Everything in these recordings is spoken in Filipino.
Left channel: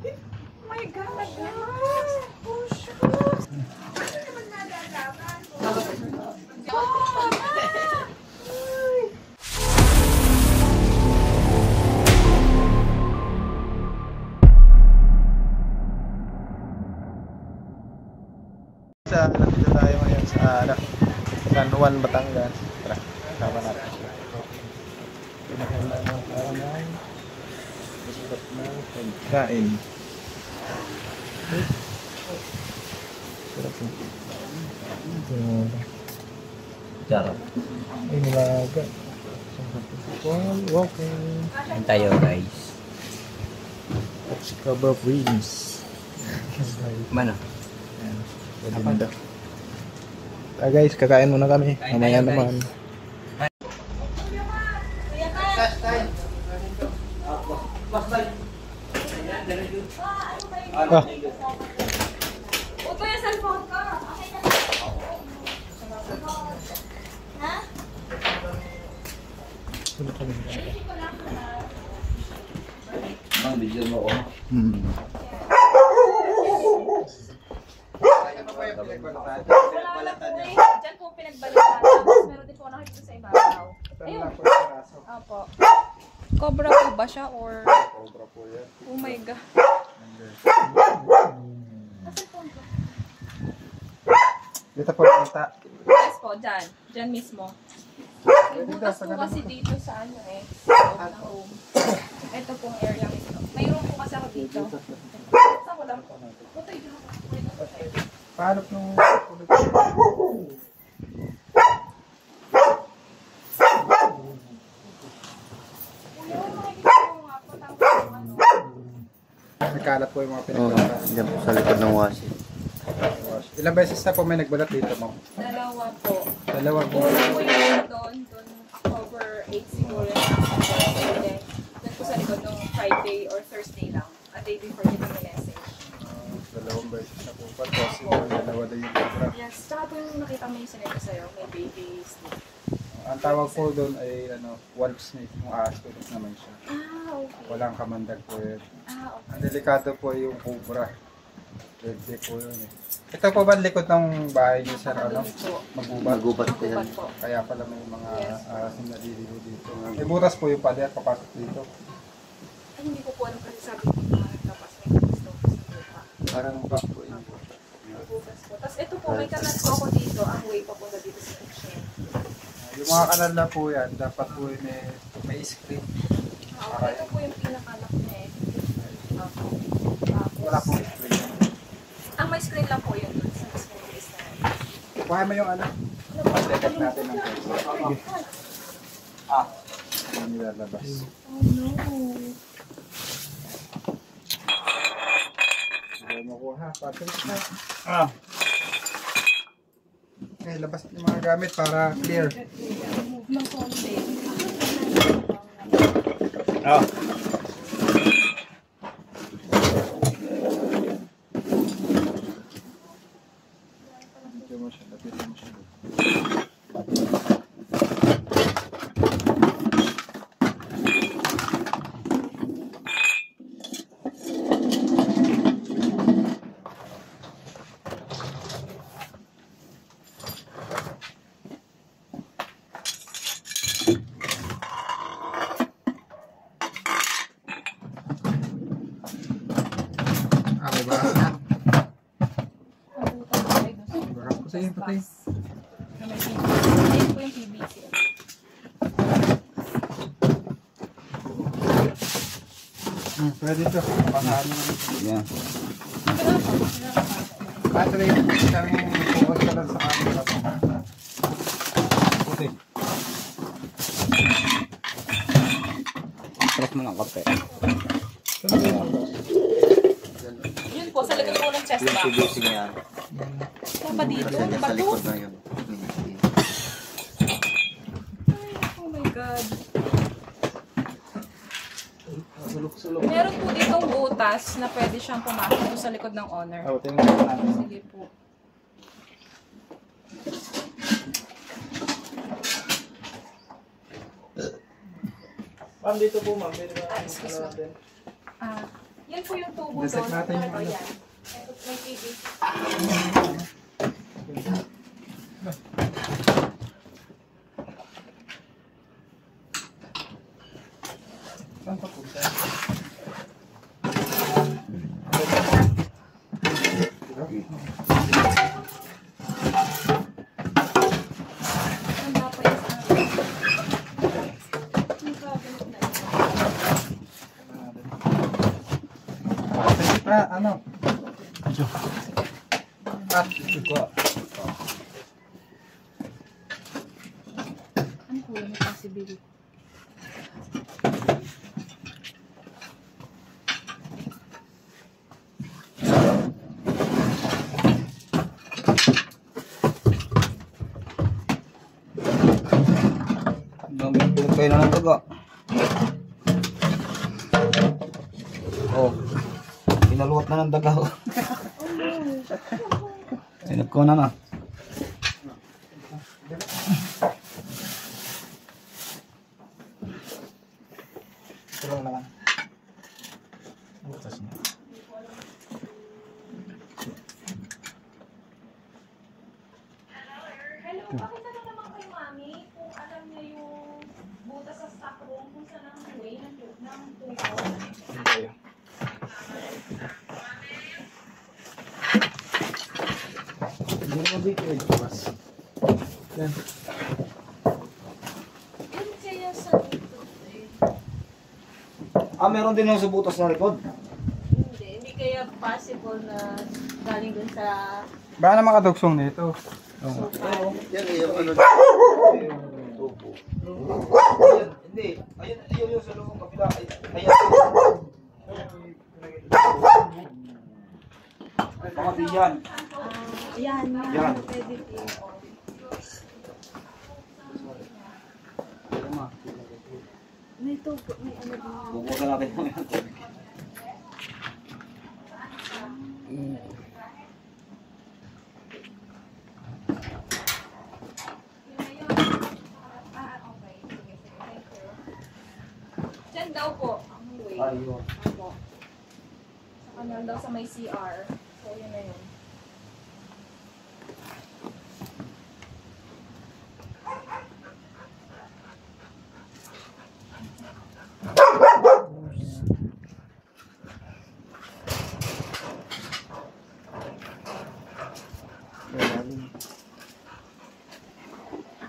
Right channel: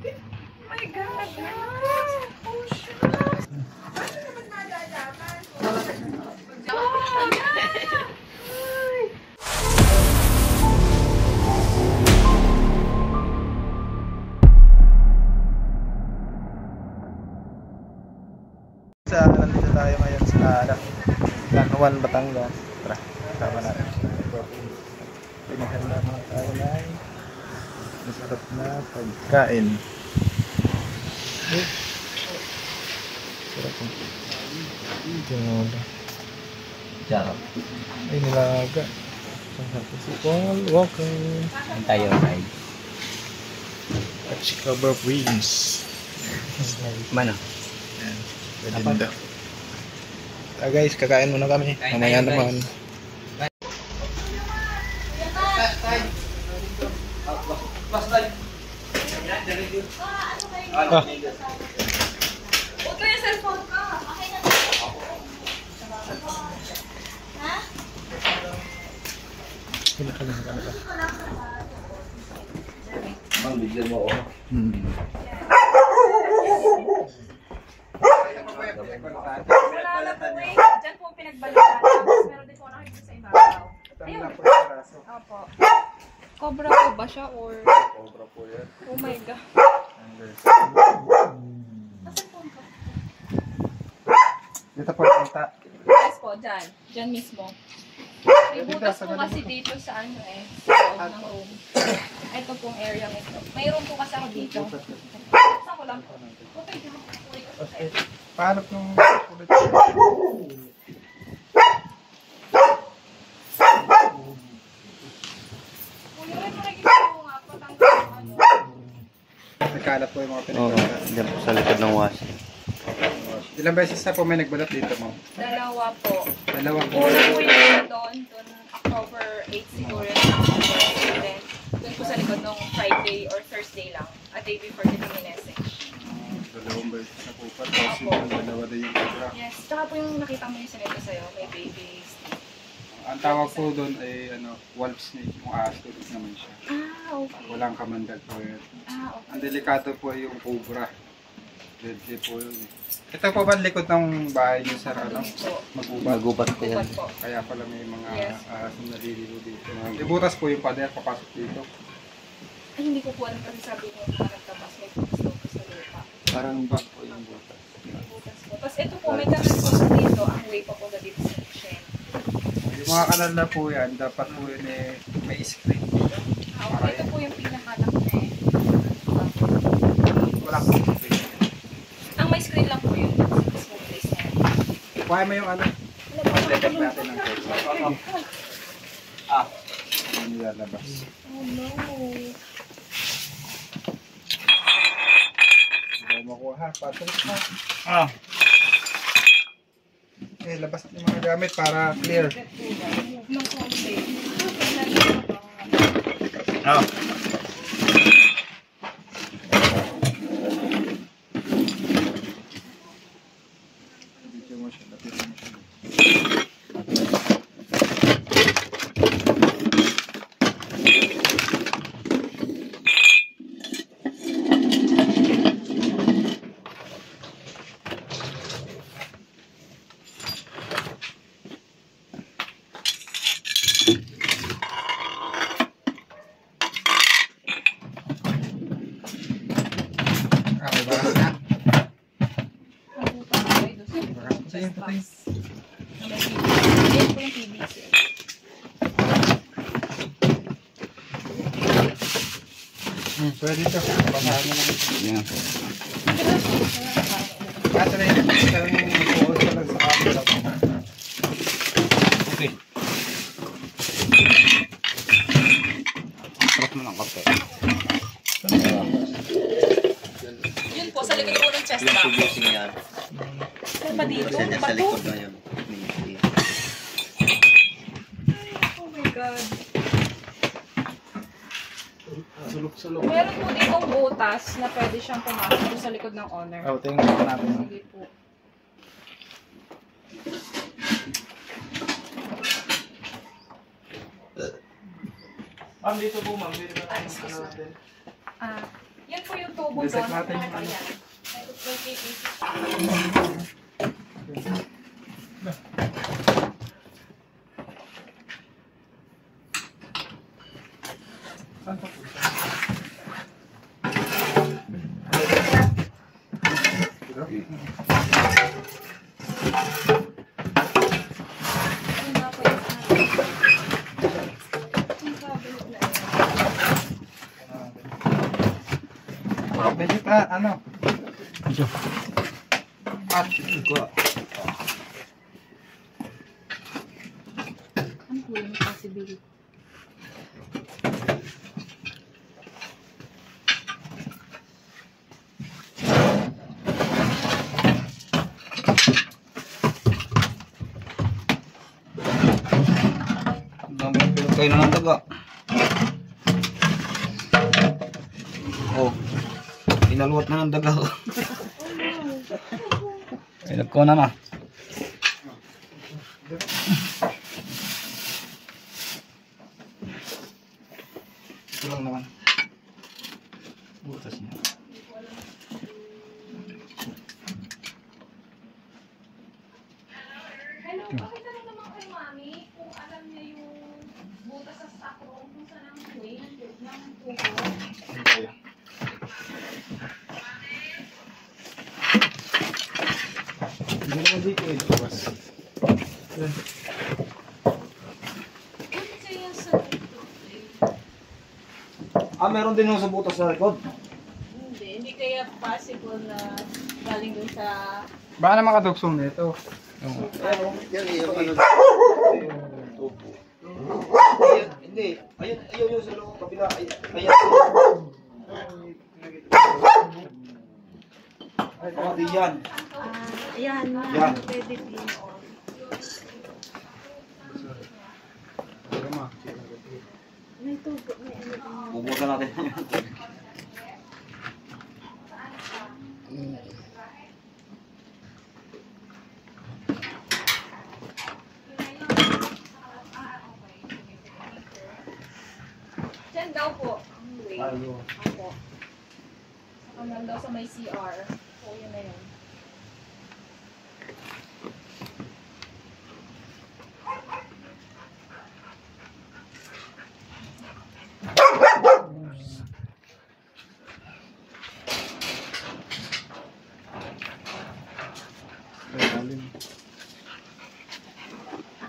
My God! Oh, shit! Nandito tayo ngayon sa San Juan, Batangas. Tara, tara natin. Masarap na pagkain. Sarap po. Sarap. Ay, nilaga. Welcome. Ang tayo guys. At Chicago Wings. Mana? Ayan, pwede din daw. Guys, kakain muna kami. Mamaya naman. Ah. Uto yung cellphone ko. Ha? Wala ka lang. Mang, bigyan mo ako. Wala na po eh. Diyan po pinagbalikan. Meron din po nakikita sa ibabaw. Ayun. Opo. Cobra po ba siya or? Cobra po yan. Oh my God. Dito po nakita. Yes po, dyan. Dyan mismo. May butas po kasi dito sa ano eh. Sa loob ng room. Ito pong area ito. May room po kasi ako dito. Saan ko lang po? Okay, Paano nung ulit? Kuya, makikita ko nga po tanggal ano. Nagkalat po yung mga Oo, dyan po sa likod ng wasi. Ilang beses na po may nagbalat dito, ma'am? Dalawa po. Dalawang. Una po yung doon October 8 siguro yung student. Doon po sa likod nung Friday or Thursday lang. A day before din kami message. Dalawang beses na po pa. Kasi Opo. dalawa na yung iba. Yes, tsaka po yung nakita mo yung sinito sa'yo, may baby snake. Ang tawag po doon ay wolf snake. Kung ahas naman siya. Ah, okay. Walang kamandag po yun. Ah, okay. Ang delikado po yung cobra. Deadly po yun eh. Ito po ba ang likod ng bahay niyo sa ano? Magubat. Magubat po yan. Magubat po. Kaya pala may mga Yes. ahas na naliligo dito. May butas po yung pader papasok dito. Ay, hindi ko po alam kasi sabi ko na nagtabas may gusto ko sa lupa. Parang back po yung butas. May butas po. Tapos ito po, may kanal po ako dito, ang way papunta dito sa Shen. Yung mga kanal na po yan, dapat po yun eh, may screen. Ah, okay. Ito po yung pinakanak niya eh. Wala po screen. Ang may screen lang po yun sa mismong place na yun. Kuha mo yung ano? Pag-detect natin ng text. Ah, hindi nilalabas. Oh no. Hindi mo kuha, Patrick na. Ah. Okay, labas yung mga gamit para clear. Ng konti. Ah. Patayin. Pwede ito. Pasahan mo naman. Yan. Kaso na yun, isang focus ka lang sa camera. Okay. Sarap mo ng kape. Yun po, sa likod po ng chest box. Yung yan. Saan ba dito? Kasi dyan sa likod na yun. Ay, oh my God. Sulok-sulok. Meron po ditong butas na pwede siyang pumasok sa likod ng owner. Oh, tingnan ko natin. Sige po. Ma'am, dito po ma'am. Dito na natin. Yan po yung tubo Dissect doon. natin yung ano. Ayan. May PVC. Saan pa po? Ano nga po yung yung cabinet na yan. Pwede pa, ano? At, ito ko. Ano po yung possibility? Dami pilog kayo na ng daga. Oh. Inaluhat na ng daga. Pilog ko na. Ito lang naman. Butas niya. Hello, pakitanong naman kay Mami kung alam niya yung butas sa stock room kung saan ang way ng tubo. Hindi naman dito eh. Bukas. Yan. Kung siya sa Meron din yung sa butas sa likod. Hindi kaya possible na galing dun sa Baka na makatugsong nito. Yan yung ano. Tubo. Hindi. Ayun yung sa loob kabila. Ayan. Ay, pati yan. yan na, Yan. pwede din. Pero ma. May tubo, may ano din. Bubusan natin. Diyan daw po ang way. Ayun. Ako. Sa kanal daw sa may CR. So, yun na yun.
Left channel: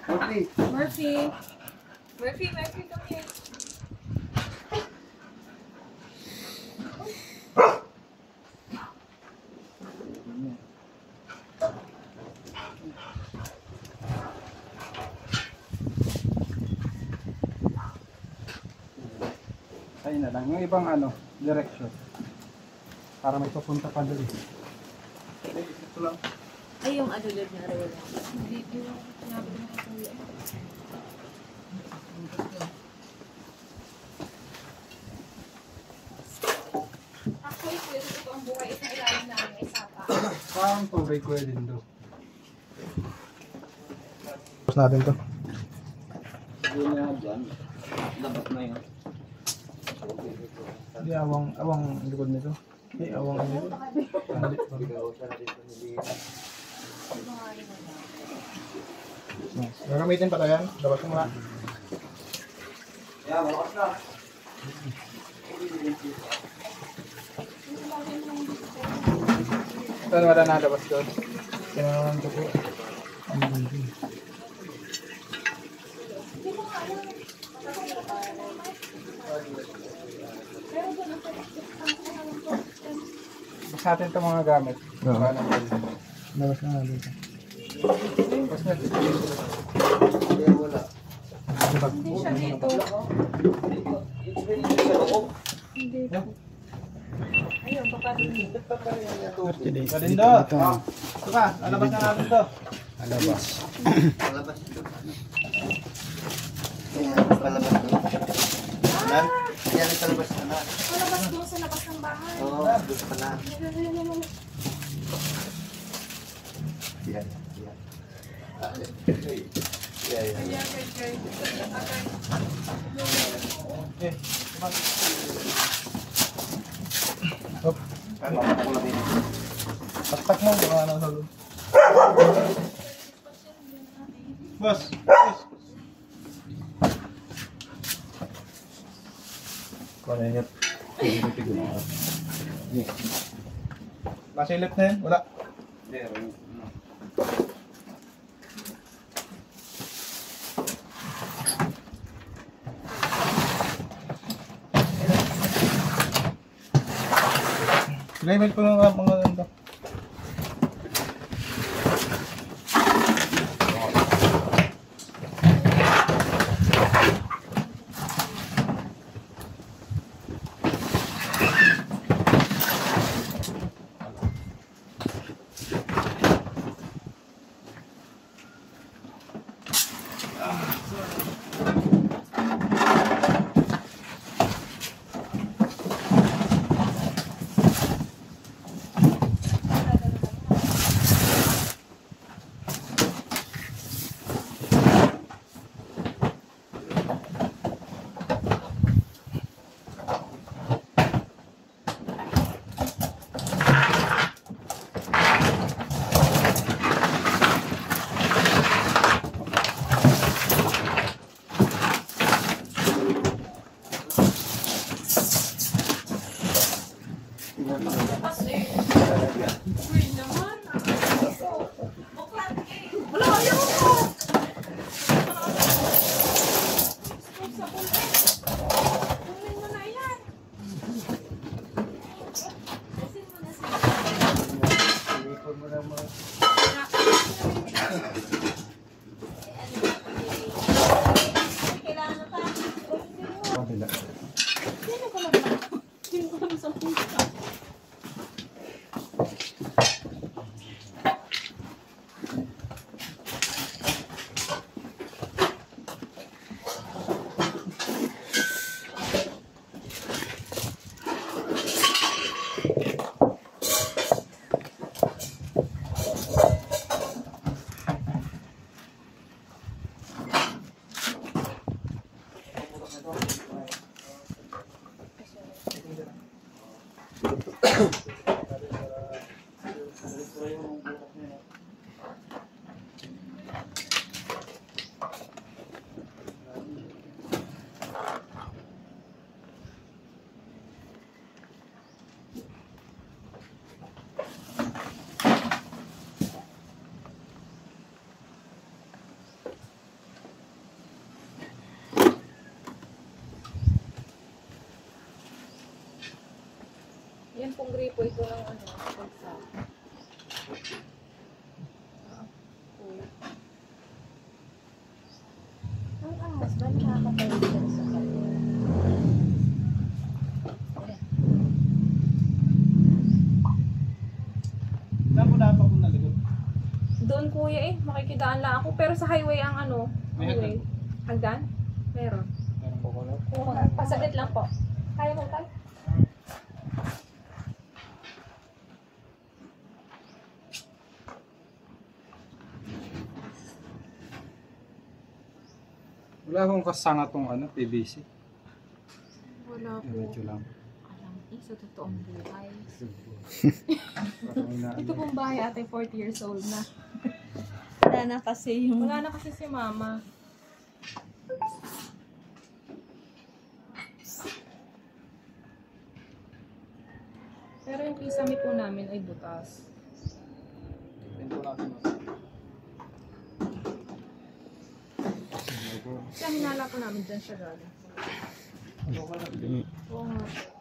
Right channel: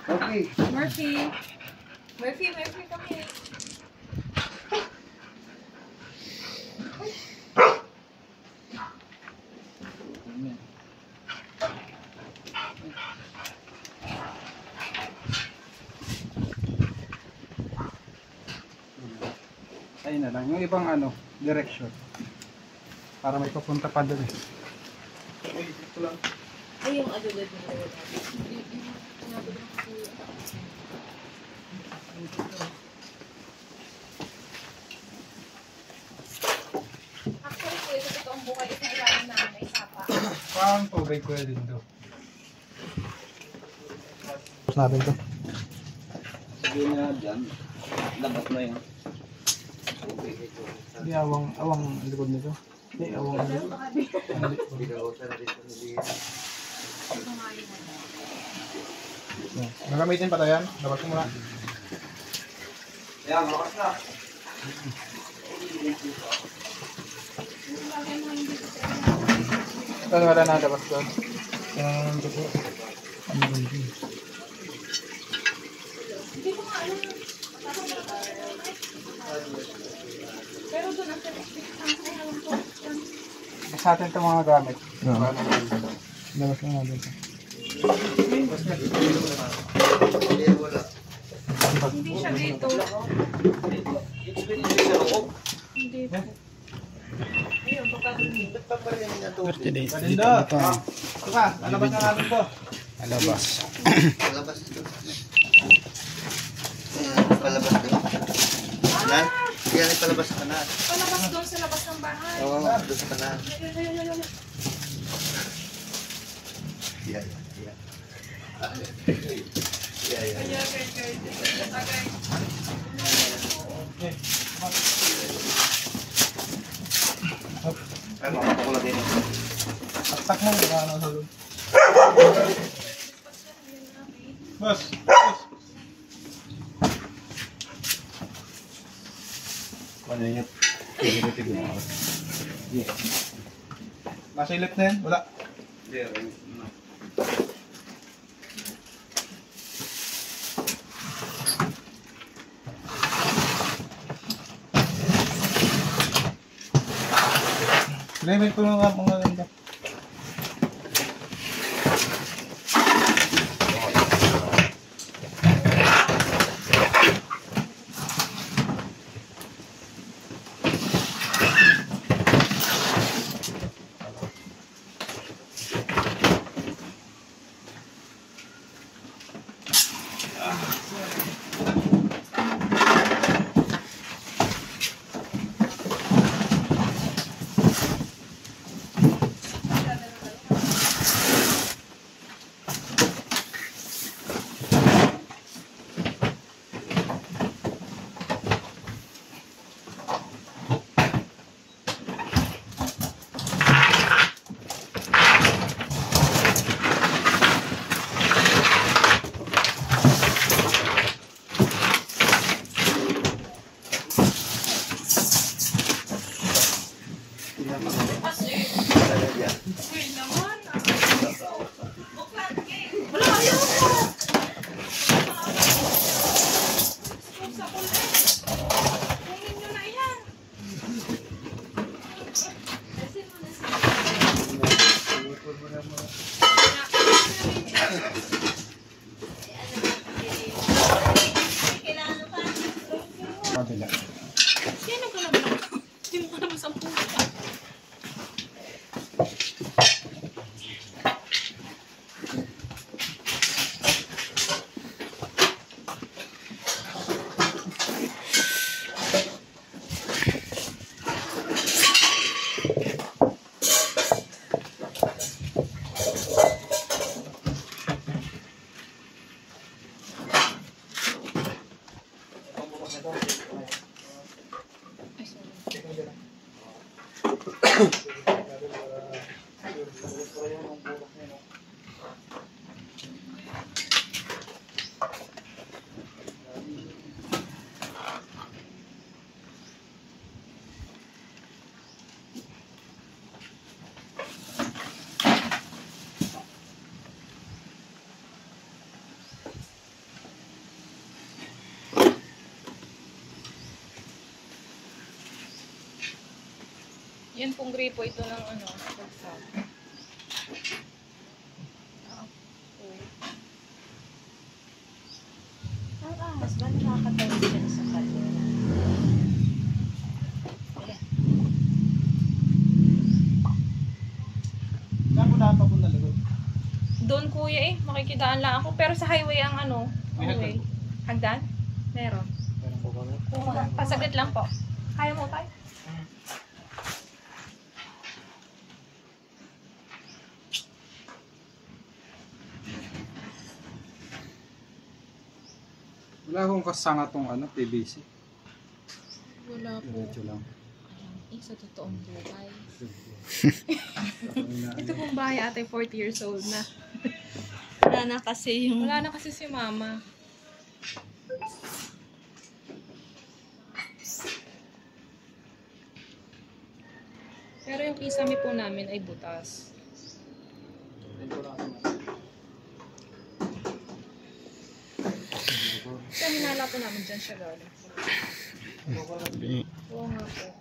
Okay. Murphy! Murphy, come here. Ayun na lang. Yung ibang ano, direction. Para may papunta pa doon eh. Ito lang. Ay, yung adulad na rin. Actually, po, ito totoong buhay. Ito ang ilalim namin ay sapa. Parang tubig ko din doon. Tapos natin to. Siguro na dyan. Labas na yun. Hindi, awang likod nito. Hindi, awang likod. Magamitin pa tayo yan? Dapat mo na. Ayan, malakas na. Ay, wala na labas doon. Kaya naman ito po. Pero doon ang alam ko. Basta natin itong mga gamit. Oo. Labas na natin ito. Labas na. Hindi siya dito. Hindi po. Ayun, baka dun. Galindo! Ito ka, lalabas na natin ito. Palabas. Palabas doon. Kanan? Yan ay palabas kanan. Palabas doon sa labas ng bahay. Oo, doon kanan. Yan. Okay. Hop. Ano, makakuha din. Taktak mo, baka ano sa loob. Boss! Boss! Ano yan? Nasilip na yan? Wala. Sinimil ko lang mga ganda. Kabila. Sino ka naman? Sino ka naman sa puta? Yan pong gripo ito ng ano, pagsak. Ang ahas ba nakakatayo dyan sa kanya? Saan mo dapat papunta likod? Doon kuya makikidaan lang ako. Pero sa highway ang ano, May highway. Hagdan? Meron. Meron po ko na. Oo, pasaglit lang po. Kaya mo tayo? Wala akong kasanga tong ano, PVC. Wala po. Diretso lang. Sa totoong buhay. Ako na, Ito pong bahay ate, 40 years old na. Wala na kasi yung... Wala na kasi si mama. Pero yung kisame po namin ay butas. Siya hinala po namin dyan siya galing. Oo nga po.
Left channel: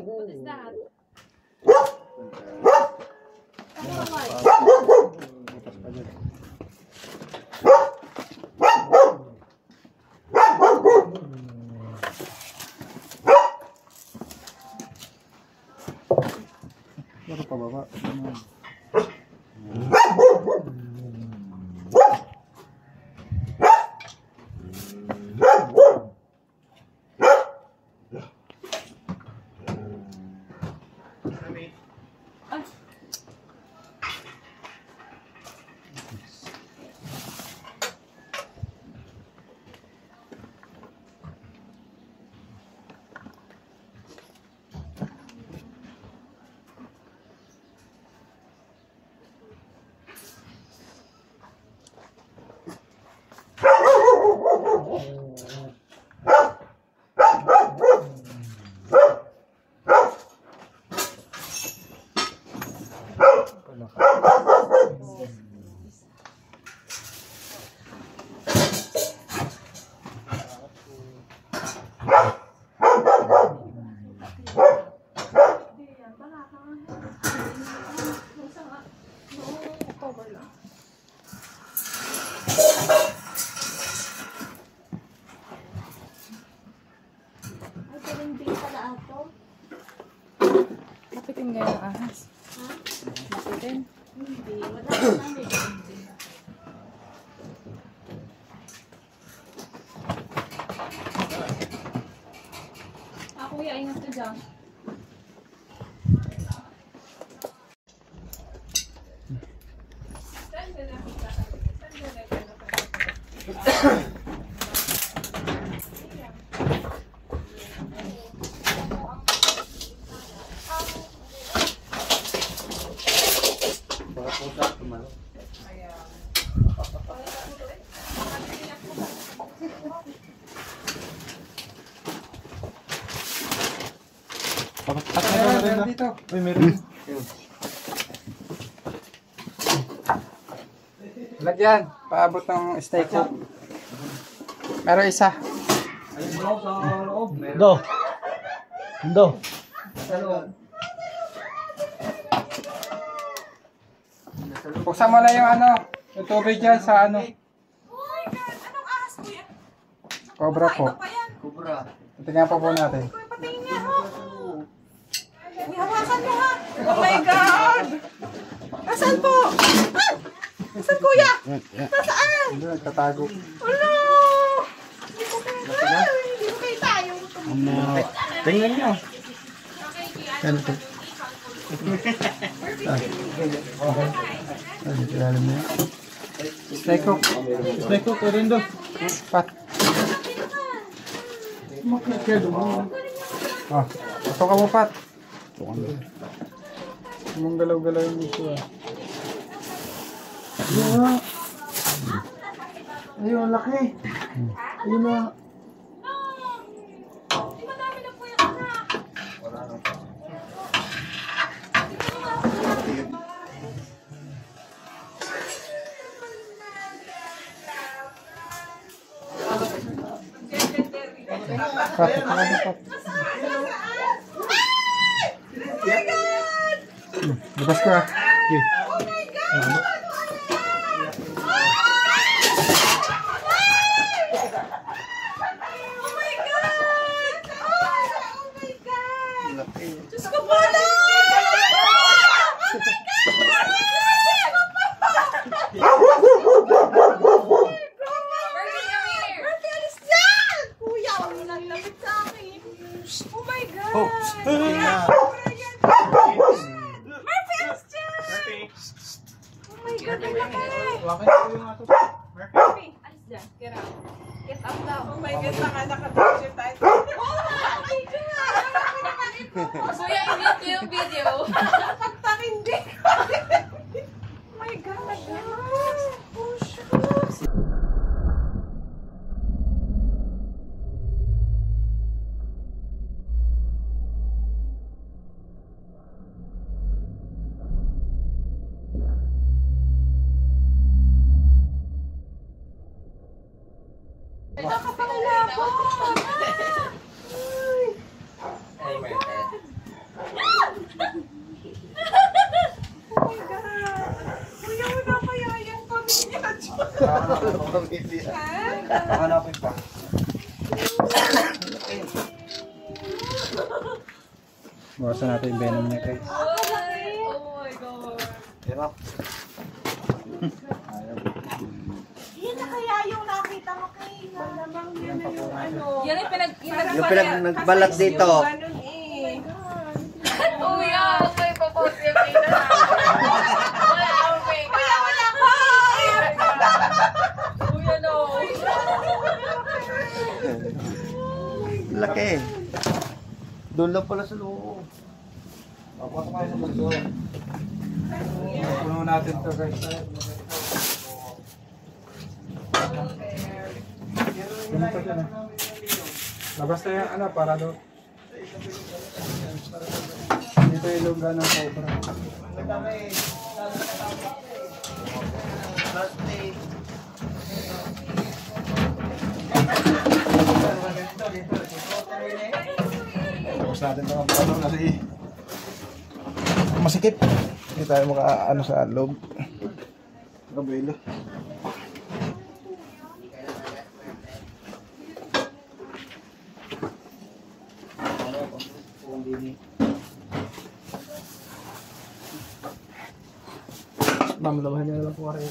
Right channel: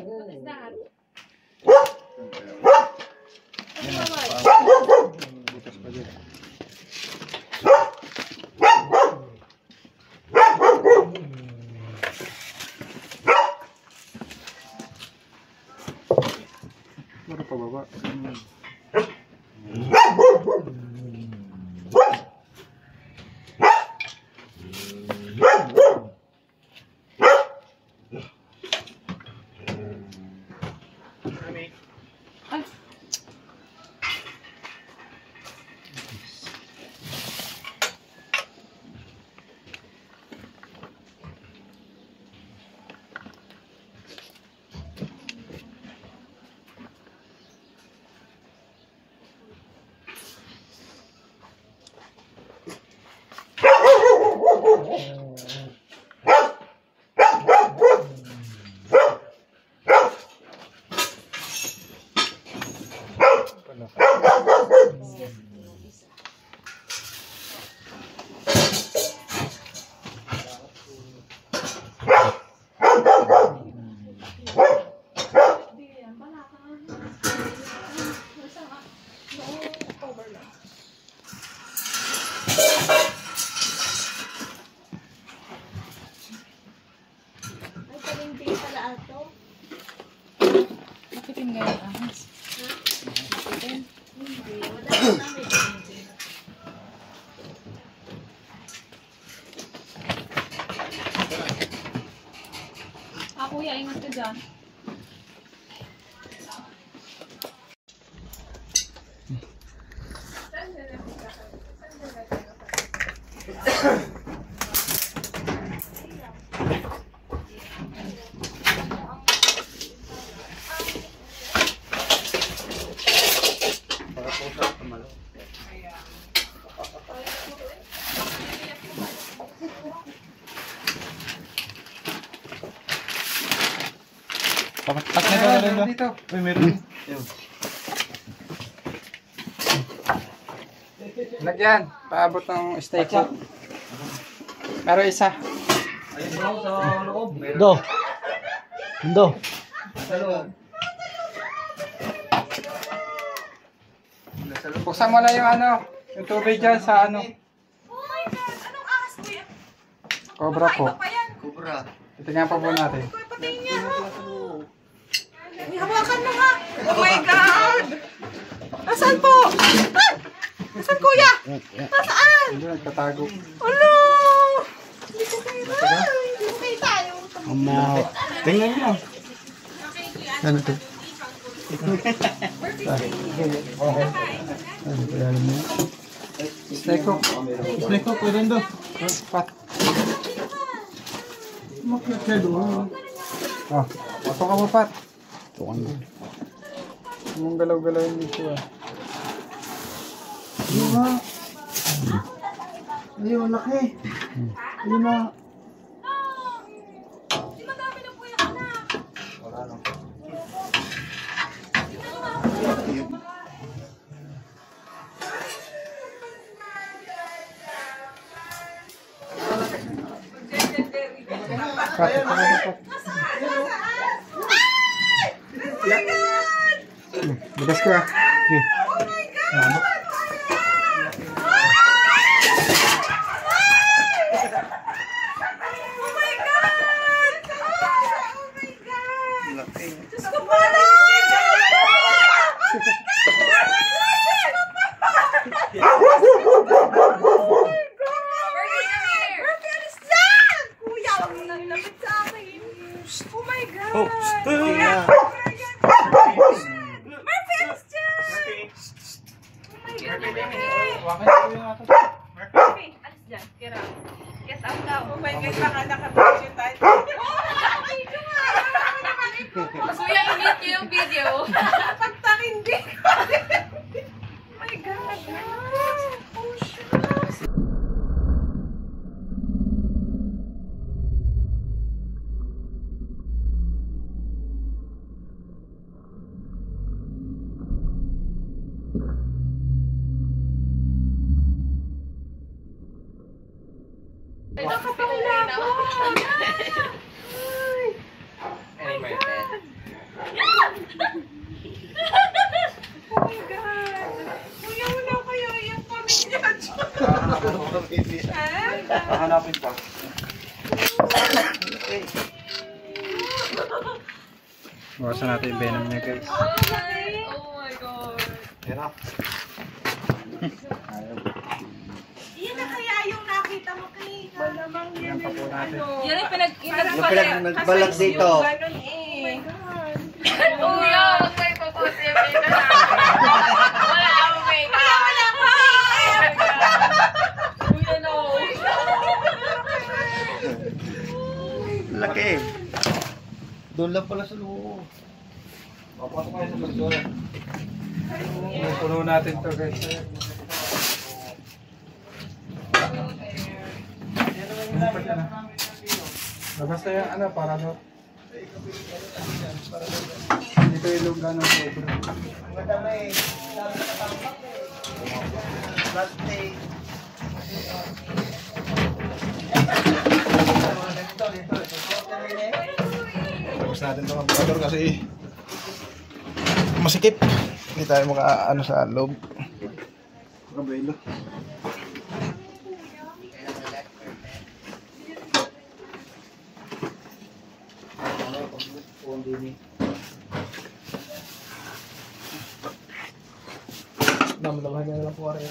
What is that? butas pa dyan. Baka pababa. Ano? dyan. Meron dito. Uy, meron. Lagyan. Paabot ng steak hook. Pero isa. Ayun mo sa loob. Do. Do. Sa loob. Buksan mo lang yung ano. Yung tubig dyan sa ano. Anong ahas ko yan? Cobra po. Ito pa yan. Kubra. Tingnan pa po natin. Patingin niya, ha? May hawakan mo, ha? Oh my God! Nasaan po? Ah! Nasaan, kuya? Nasaan? Hindi, nagtatago. Ano? Hindi ko kita. Hindi ko kita. Tingnan niyo. Ano to? Ano, kilala mo? Steak hook. Snake ko, pwede do. Pat. Ah, ito ka mo, Pat. Ito ka mo. Mong galaw-galaw yung ito, ah. Ayun, laki. Ayun na. Pat, ito ka mo, Pat. Bukas ko, ah. Okay. Oh my God! Oh my God! Diyos ko po na! Murphy, alis dyan! Kuya, huwag mo nang lapit sa akin. Oh my God! Oh, ayun na. Murphy, alis dyan! Oh my God, Murphy! Wakan ko yung ato. Murphy, alis dyan. Get out. Get out now. Oh my God, baka nakapicture tayo. Nakapicture nga. Kuya, init niyo yung video. Pagtakindi. Oh my God. Oh, shucks. Nakapangila ako. Ay. Oh my God. Oh my God. Kuya, wala kaya yung pamilya dyan. Hanapin pa. Bawasan natin yung venom niya, guys. Oh my God. Tira. Ayaw. Yan na kaya yung nakita mo kay Malamang Yan pa po natin. Yan yung Nagbalat dito. ganun eh. Kuya, huwag mo ipopost yung dito na. Wala akong makeup. Kuya, no. Laki. Doon lang pala sa loob. Papatok kayo sa basura. Puno natin to, guys. Basta yung ano, para do. Dito yung lugar ng cobra. Tapos natin ito kapatid kasi masikip. Hindi tayo maka-ano sa loob. Kabelo. Mamalabahan niya na lang po rin.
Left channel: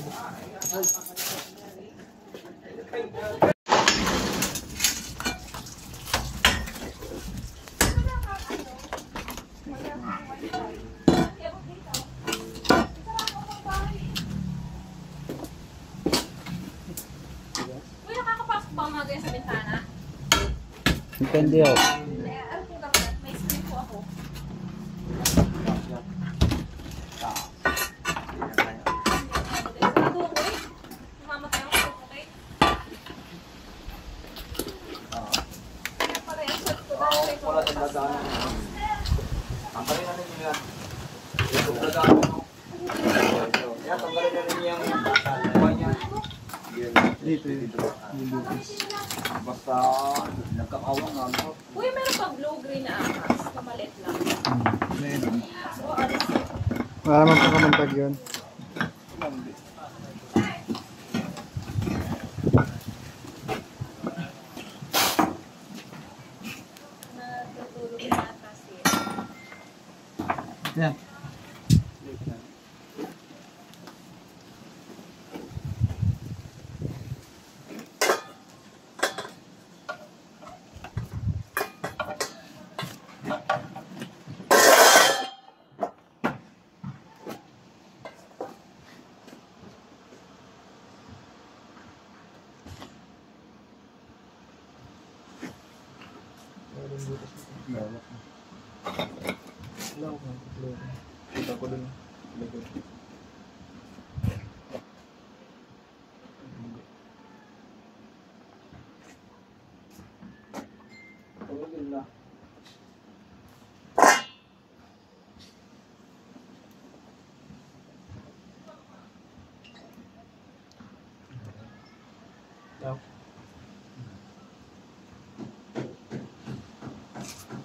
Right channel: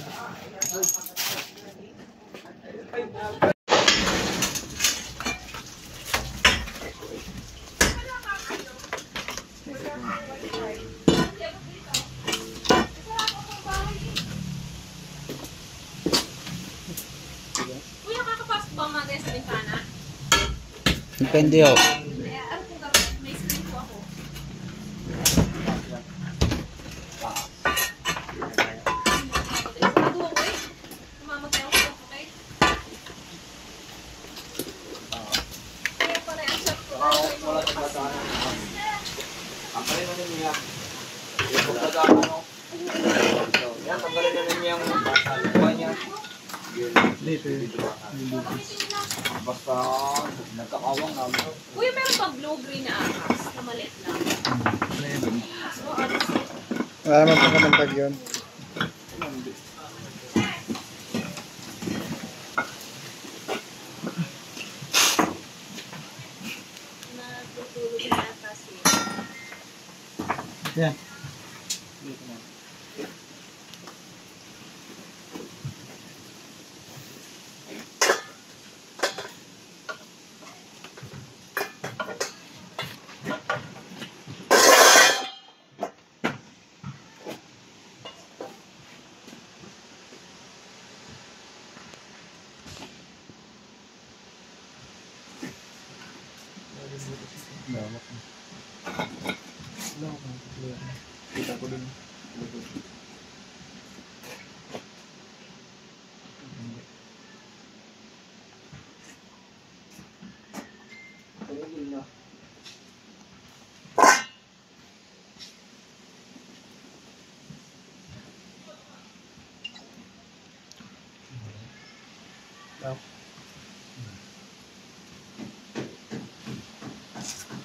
yan sa bintana? Depende ho. Ano kung gabi? May screen po ako. Sigurado ako eh. Namamatay ako sa okay. Kaya pala yung shot ko. Wala sa dadaanan. Ang pala na rin niya. Yung dadaanan mo. Yan, tanggalin na rin yung buwan niya. Basta nagkakawang na mo. Uy, meron pa blue-green na ahas na maliit lang. So, alis eh. Wala naman pa kaming tag yun. Natutulog na kasi. Yan. Lawak. Lawak ng problema. Kita ko dun.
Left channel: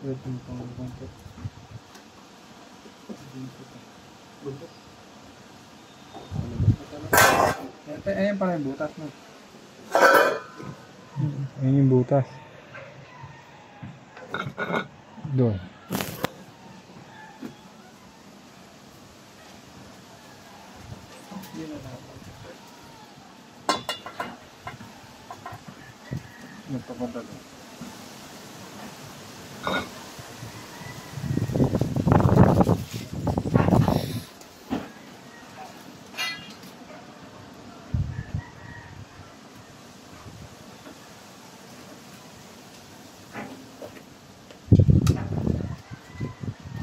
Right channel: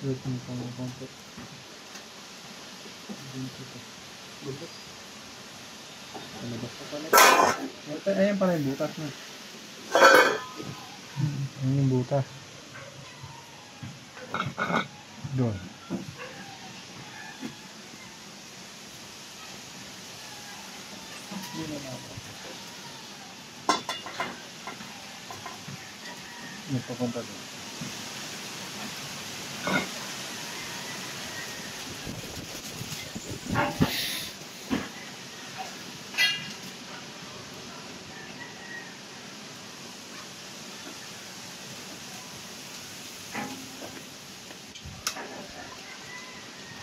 Wait mo pang konti. Butas. Palabas na pala. Ayan pala yung butas na. Ayun yung butas. Doon. Yun na natin. Nagpapunta doon.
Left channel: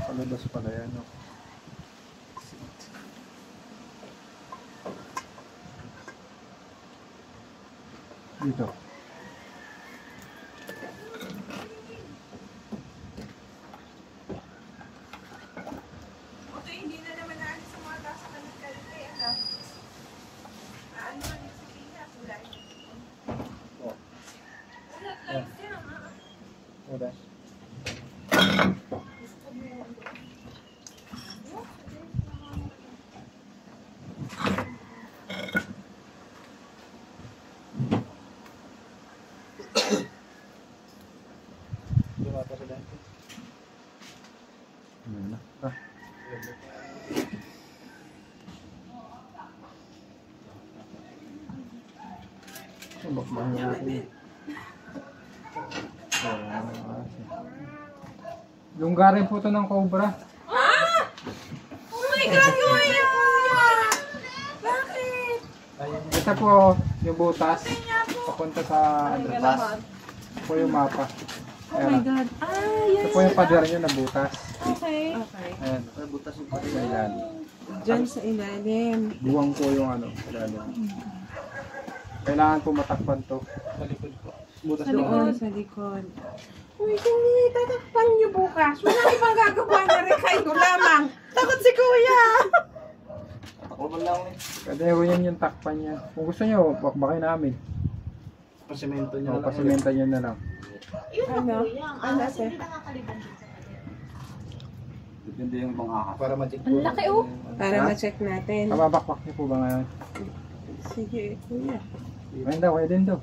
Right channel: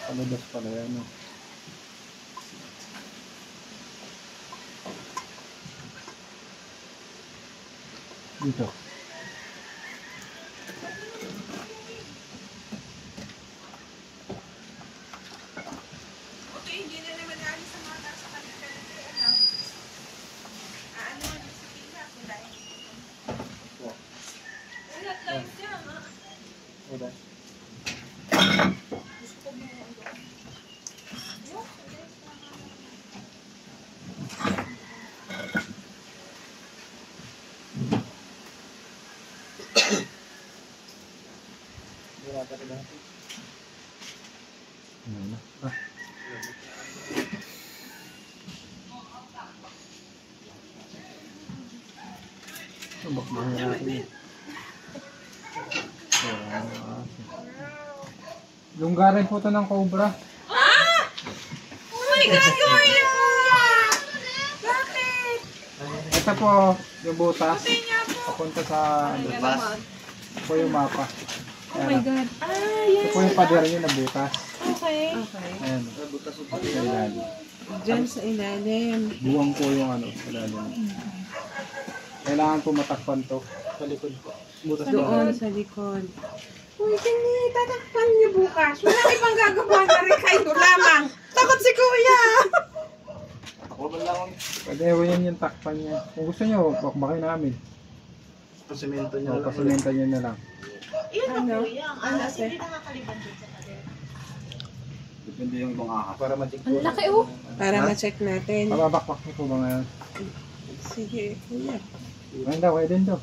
Palabas pala yan, no? Dito. Okay, hindi na naman naalis sa mga tao sa kanilang ano sa kanya, kulay. Wala tayo dyan, ha? Wala. Gusto mo. Wala talaga. Ano na? Ah. Subak ba natin yun? Lunggarin po ito ng cobra. Oh my God, kumain po yan! Bakit? Ito po yung butas. Papunta sa Bas. ito po yung mapa. Oh my God. Ito po yung pader nyo na butas. Okay. Ayan. Butas yung pala. Sa ilalim. Diyan sa ilalim. Buwang po yung ano. Ilalim. Kailangan po matakpan to. Sa likod po. Butas Sa po. likod. Sa likod. Uy, kani, tatakpan niyo bukas. Wala ibang gagawa ka rin kayo lamang. Takot si kuya. Ako ba lang eh. Pwede po yan yung takpan niya. Kung gusto nyo, bakbakin namin. Pasimento niya O, lang. pasimenta nyo na lang. Ano? Ano sir? Depende yung mga ahas. Para matikpo. Ang laki, oh. Para ma-check natin. Pababakbak niyo po ba ngayon? Sige, kuya. Ngayon daw, kayo din daw.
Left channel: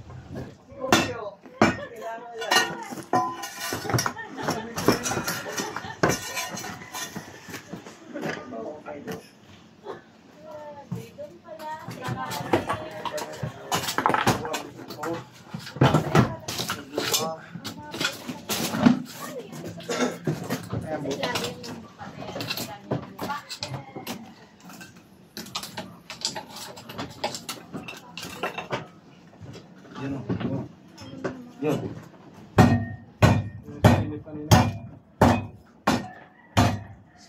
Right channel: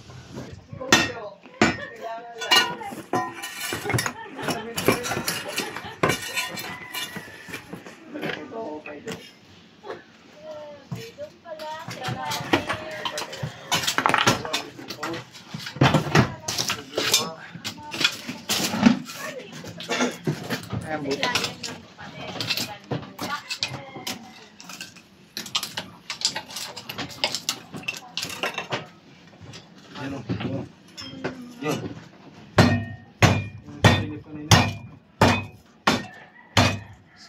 Ayan po. Yan o. Yun. Silip kanina.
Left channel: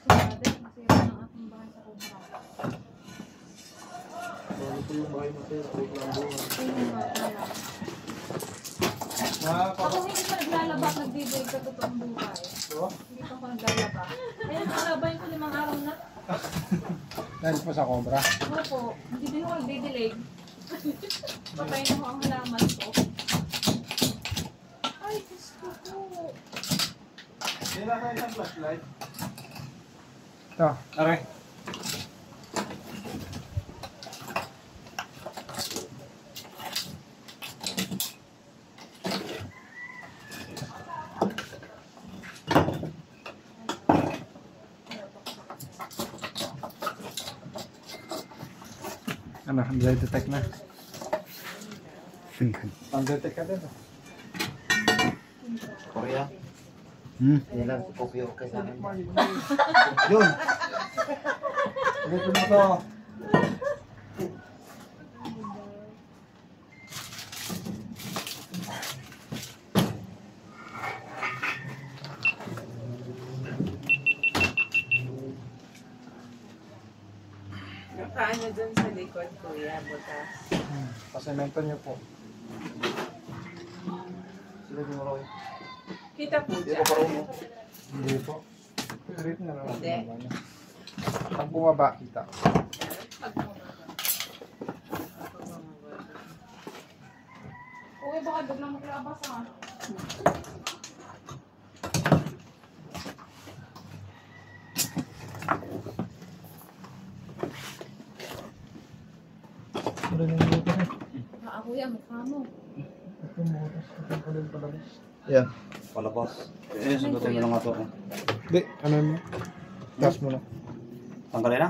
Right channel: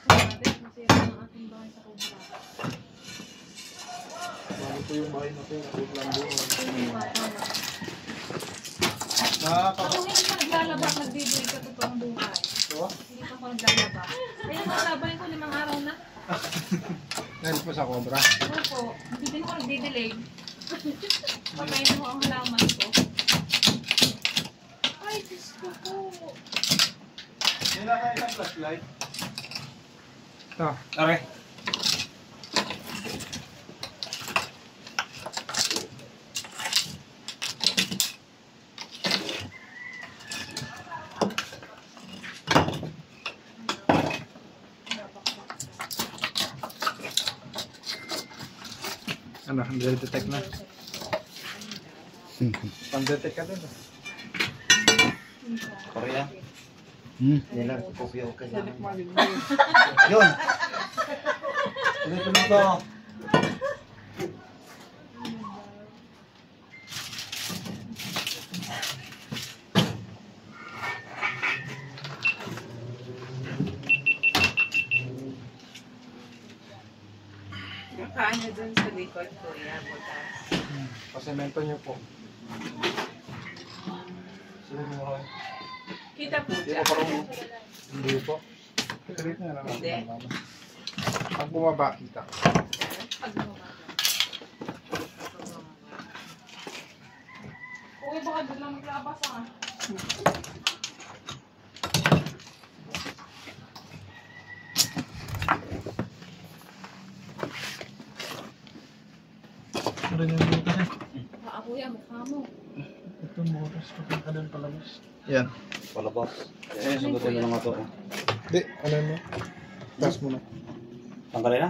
Grabe, masira ang ating bahay sa Cobra. Bago po yung bahay na to. Huwag lang doon. Ako hindi ka naglalaba, nagdidilig ka totoong buhay. Hindi ka pa naglalaba. Ayun, nalabayin ko 5 araw na. Dahil po sa cobra. Ano po, hindi din ko nagdidilig. Pakain mo ang halaman ko. Ay, gusto ko. Kailan kayo ng flashlight? Ito. Okay. Ano, detect na. Pang-detect ka din. Korea. Yan lang. Copy okay lang. Yun. Ito na to. Nakaano dun sa likod, kuya, butas. Pasemento niyo po. Sino yung marami? Kita po Hindi dyan. ko parang Hindi po. Tuloy na lang. Hindi. Pag bumaba, kita. Pag bumaba. Uy, baka doon lang maglabas ah. Ano yung butas eh? Baka kuya, mukha mo. Ito butas. Patang ka din palabas. Yan. palabas. Eh, sundutin mo lang nga to. Hindi, ano mo? Gas mo na. Tanggalin na?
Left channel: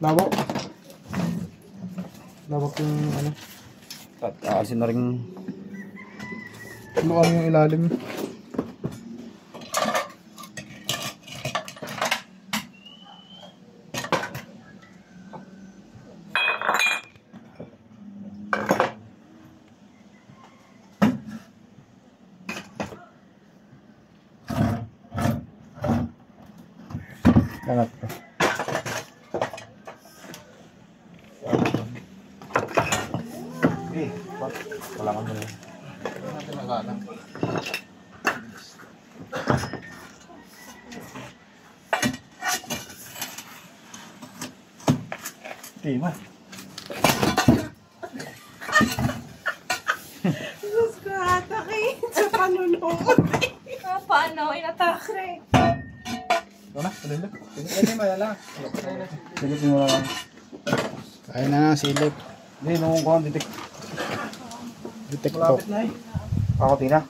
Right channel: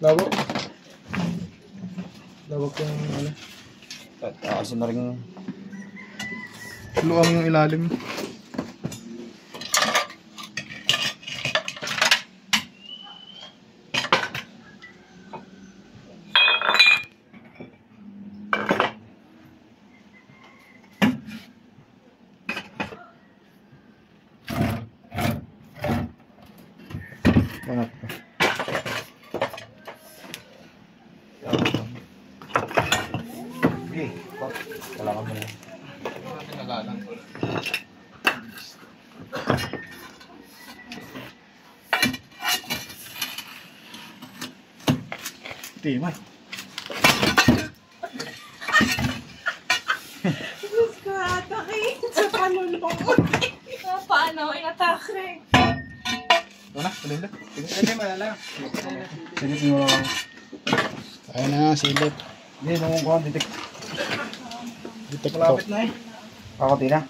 Lawak. Lawak yung ano. Aalisin na rin. Luang ilalim. Angat pa. Eh, wala ka mo na. Natin nagalang. Timay. Diyos ko, atakin sa panulong. Paano? I-attack. Ito na, tuloy na. Hindi malala. Silipin mo lang. Kaya na silip. Hindi, nung kuhan, detect. Detect to. Malapit na eh. Ako, Tina.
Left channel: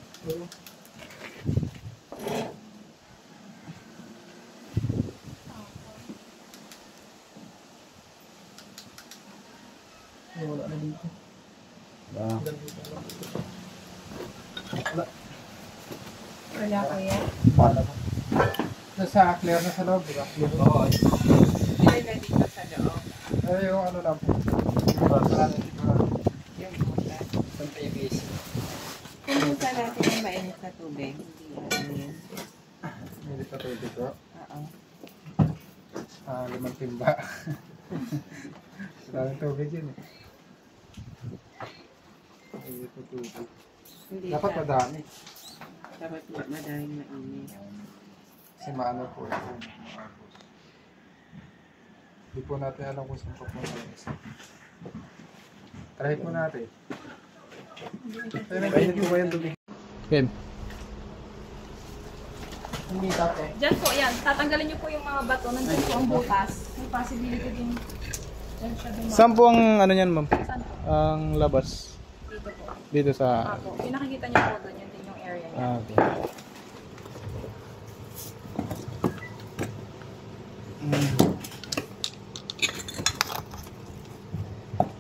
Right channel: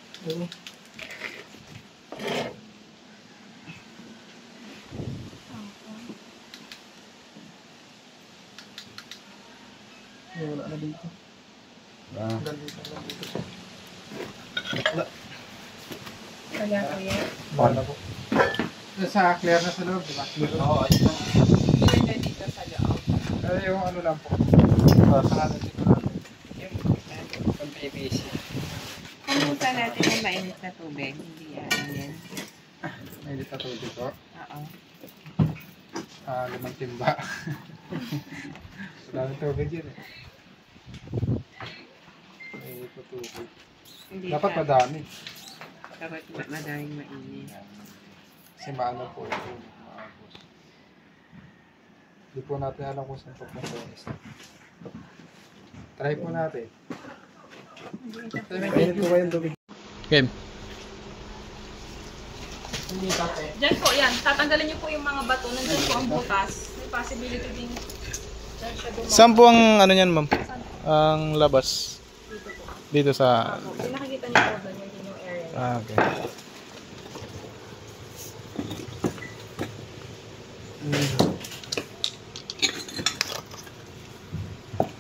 Wala na dito. Ah. Wala kuya. Wala po. Yung sa clear na sa loob, di ba? Clear na. Oo. Hindi na dito sa loob. Yung ano lang po. Sa namin siguro. Yung PVC. Kumusta natin yung mainit na tubig? Hindi yan. Yan. May dito tubig po. Oo. 5 timba. Wala na tubig yun eh. May po tubig. Hindi Dapat siya- madami. Dapat madaming mainit. Kasi maano po ito. Hindi po natin alam kung saan papunta yung isa. Try po natin. Kainin ko kayong tubig. Game. Hindi tate. Diyan po, yan. Tatanggalin niyo po yung mga bato. Nandyan po ang butas. May possibility din. Diyan siya dumaan. Saan po ang ano niyan, ma'am? Saan? Ang labas. Dito po. Dito sa... Ako. Pinakikita niyo po doon. Yan din yung area niya. Ah, okay.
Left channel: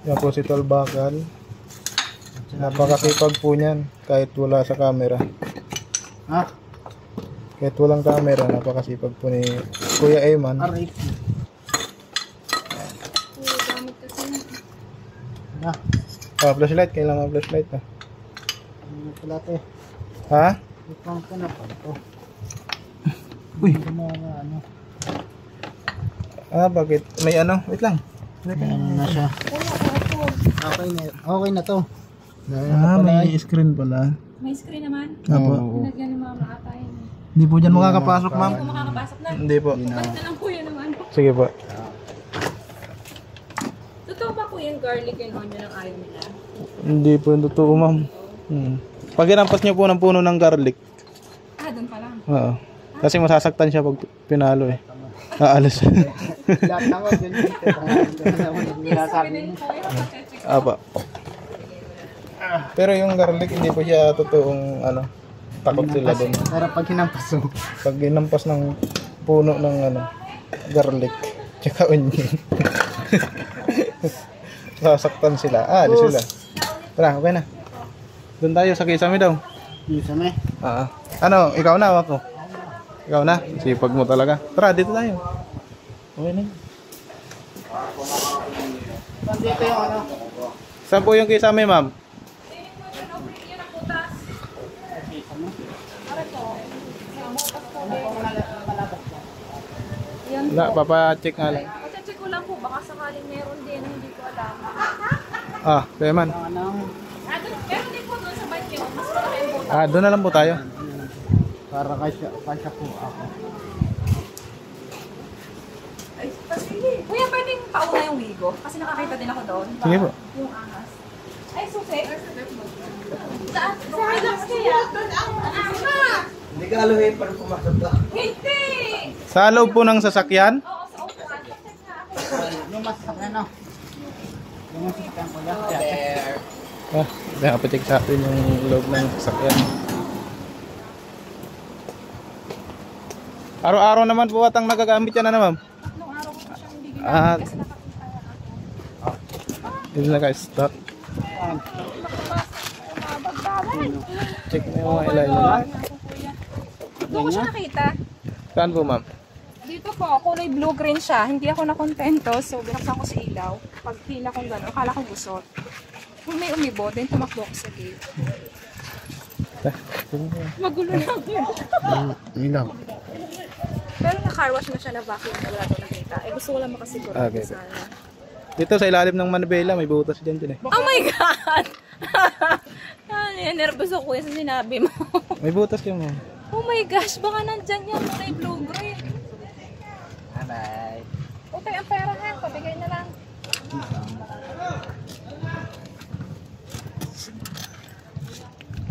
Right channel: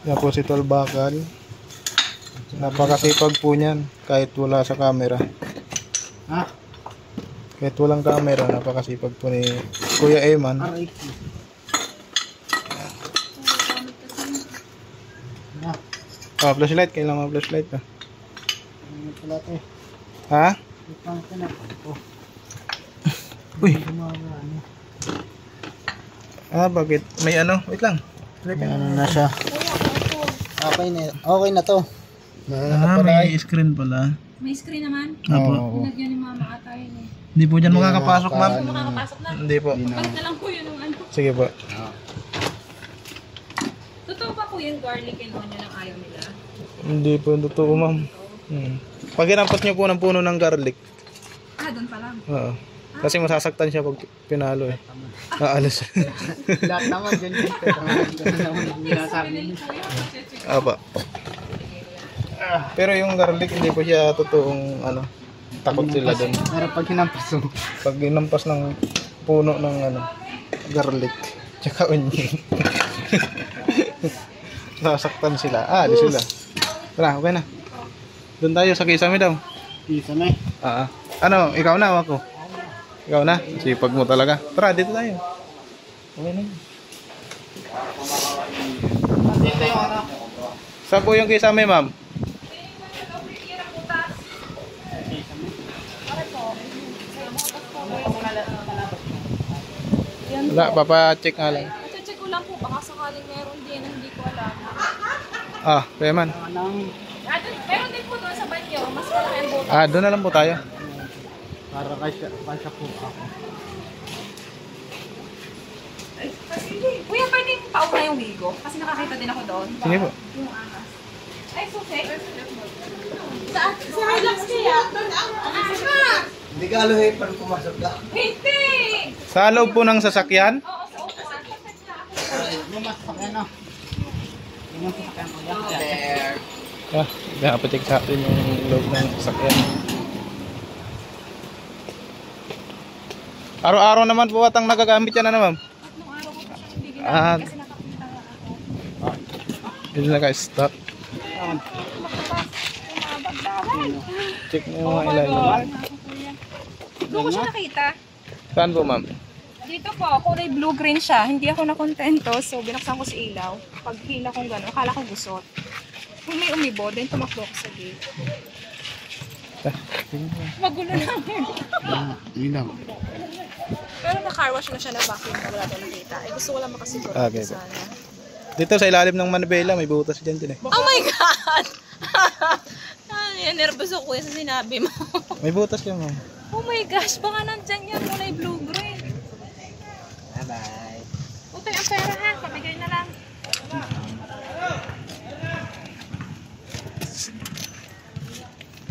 Yan po si Tol Bakal. Napakasipag po niyan kahit wala sa camera. Ha? Kahit walang camera, napakasipag po ni Kuya Eman. Gamit kasi. Na. Ah, flashlight. Kailangan mga flashlight ah. pala ito. Ha? Ipang pinapang. Uy. Mga ano. Ah, bakit? May ano? Wait lang. May ano na siya. Okay na to. Ah, may screen pala. May screen naman. Apo. Pinagyan ni mama ata yun eh. Hindi po dyan makakapasok, ma'am. Kung makakapasok na. Hindi po. Balik na lang po yun ng ano. Sige po. Totoo ba po yung garlic and onion ang ayaw nila? Hindi po yung totoo, ma'am. Pag inampas niyo po ng puno ng garlic. Ah, doon pa lang. Oo. Kasi masasaktan siya pag pinalo eh. Aalis. Lahat naman dyan dito. Sabi nila po yun. Apa. Pero yung garlic hindi po siya totoong ano. Takot sila doon. Pero pag hinampas mo. Pag inampas ng puno ng ano, garlic, tsaka onion. Sasaktan sila. Alis sila. Tara, okay na. Doon tayo sa kisame daw. Kisame. Ano, ikaw na o ako? Ikaw na? Sipag mo talaga. Tara, dito tayo. Okay na. Dito yung ano. Saan po yung kisame, ma'am? Wala, papacheck nga lang. Check ko lang po. Baka sakaling meron din na hindi ko alam. Ah, kaya man. Meron din po doon sa banyo. Mas marami. Ah, doon na lang po tayo. Para kasya po ako. Ay, kuya, pwedeng pauna yung wigo? Kasi nakakita din ako doon. Sige po. Yung ahas. Ay, susi. Sa relax kaya. Hindi ka aluhin para pumasok ka. Hindi! Sa loob po ng sasakyan? Oo, sa upuan. Yung masakyan no. Yung masakyan ko yan. Ah, nakapacheck sa atin yung loob ng sasakyan. Araw-araw naman po atang nagagamit yan na ma'am? Tatlong araw ko pa siyang bigyan Ah, kasi nakapita nga ako. hindi naka-stop. Check mo yung mga ilalim. Doon ko siya nakita. Saan po ma'am? Dito po, kulay blue-green siya. Hindi ako nakontento, so binuksan ko sa ilaw. Pag hila kong gano'n, akala ko gusot. Kung may umibo, then tumakbo ko sa gate. Magulo na. Ilaw. Pero na-car wash na siya na vacuum na wala ko nakita. Eh gusto ko lang makasiguro. Okay po. Dito sa ilalim ng manibela, may butas dyan din eh. Oh my God! Ay, nervous ako sa sinabi mo. May butas yan ma'am. Oh my gosh, baka nandyan yan kulay blue-green. Bye. Utay ang pera ha, pabigay na lang.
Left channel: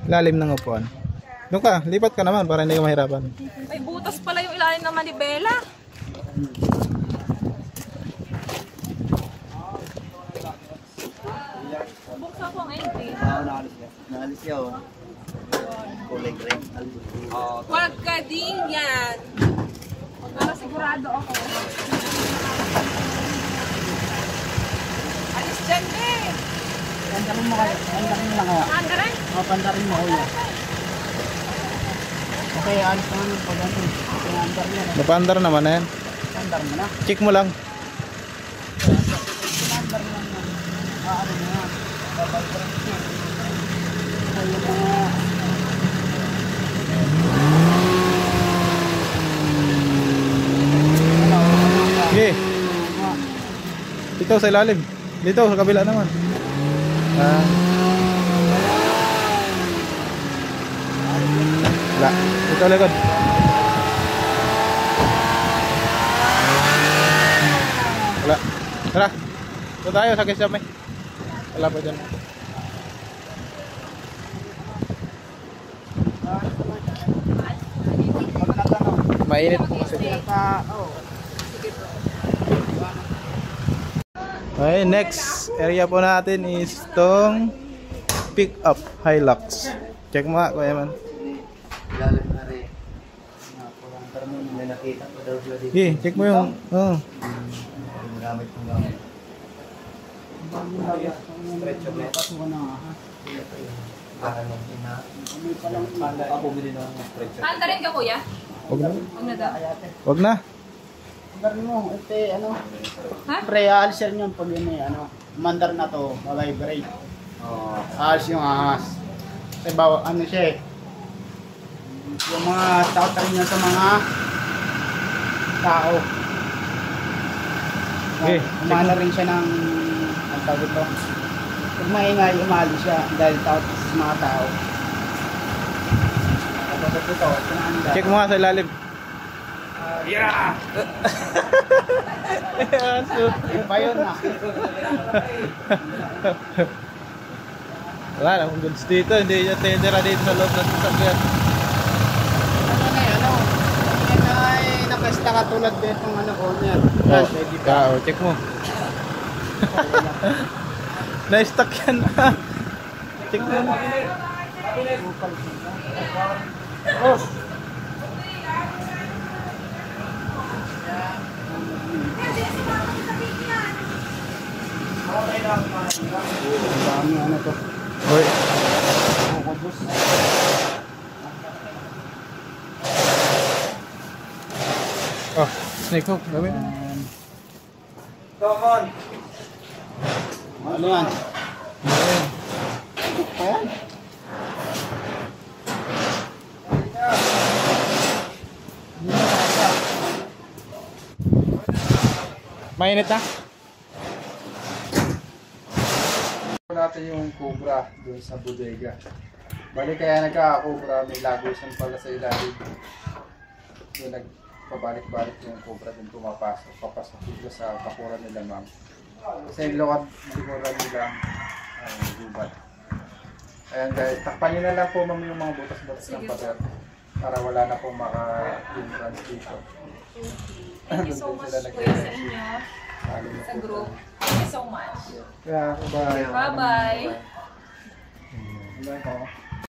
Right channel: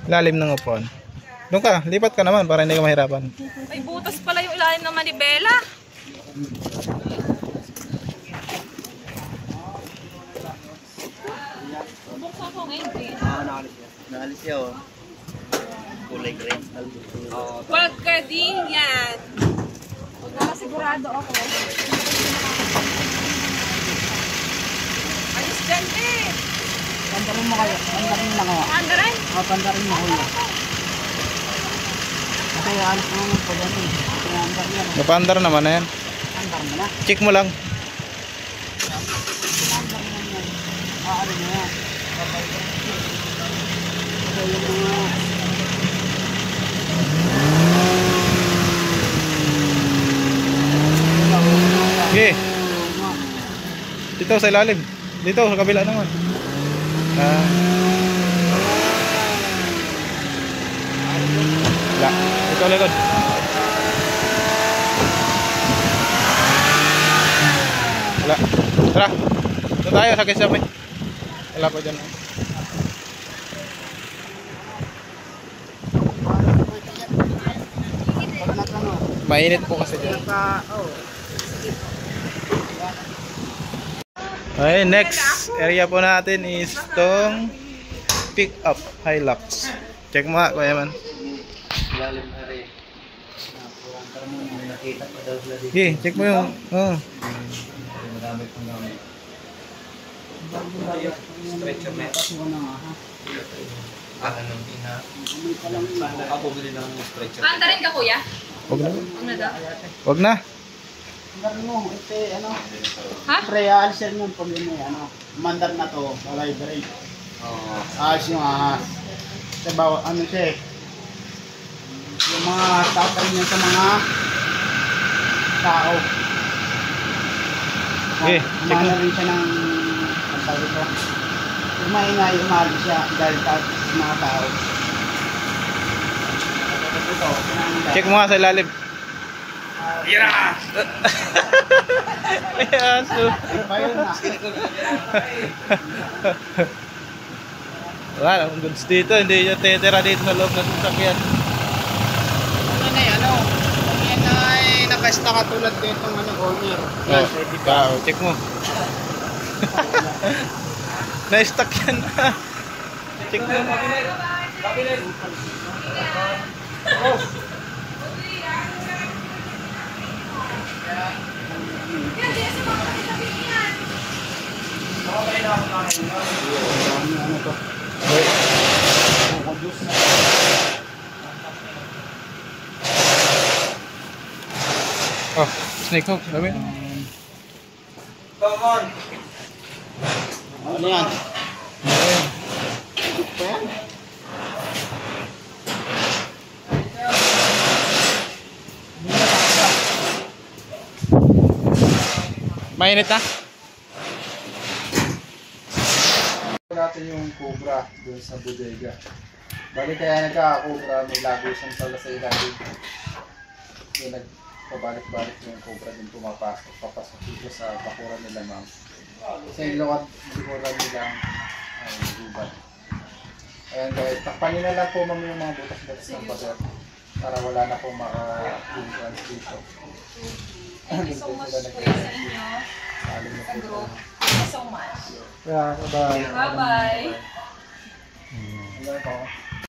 Lalim ng upuan. Doon ka, lipat ka naman para hindi ka mahirapan. May butas pala yung ilalim ng manibela. Buksan ko ang entry. Naalis siya oh. Kulay green. Huwag ka din yan. Para sigurado ako. Alis dyan eh. Pandarin mo kaya. Pandarin lang kaya. Andaran? Pandarin mo kuya. Kasi alis naman yung pagdating. Pinandar niya. Napandar naman na yan. Pandar mo na. Check mo lang. Pinandar mo na yan. Ano na yan. Babay ka rin siya. Ito yung mga... Sige. Dito sa ilalim. Dito sa kabila naman. Wala. Dito likod. Wala. Tara. Ito tayo sa kisame. Wala po dyan. Mainit po kasi dyan. Okay, next area po natin is tong pick up Hilux. Check mo nga, Kuya Man. Ilalim na rin. Pantar mo na may nakita pa daw sila dito. Okay, check mo yung... Oh. Marami pong gamit. Stretcher net. Anong ina? Ako bili ng stretcher. Anda rin ka kuya? Wag na. Ano daw? Wag na. Mandar mo, ito ano? Ha? Pre, aalsyan yun pag yun ano. Mandar na to, vibrate. Oo. Aas yung ahas. Kasi bawa, ano siya eh. Yung mga tatay niya sa mga tao. Okay, check Umana mo. rin siya ng, ang sabi ko, pag maingay, umali siya dahil sa mga tao. Ito, Check mo nga sa ilalim. Yeah! Ay, aso. Ba yun na? Wala akong goods dito. Hindi nyo titira dito sa loob ng sasakyan. Ano na yan, ano? Yan ay nakasta katulad ditong ano, owner. Oh, Pwede pa. check mo. Na-stuck yan. Check mo. Ano to? Hoy. Coco juice. Oh, snake hook. Dami. Come on. Ano yan? Ayan. Mainit na? Natin yung cobra doon sa bodega. Bali kaya nagka-cobra, may lagusan pala sa ilalim. Doon nagpabalik-balik yung cobra doon pumapasok. Papasok dito sa bakuran nila ma'am. Sa ilokad likuran nila ay gubat. Ayan guys, takpan nyo na lang po ma'am yung mga butas-butas ng pader para wala na pong maka-entrance dito. Thank you so much po sa inyo. Sa group. Thank you so much. Yeah, bye. Bye-bye. Bye.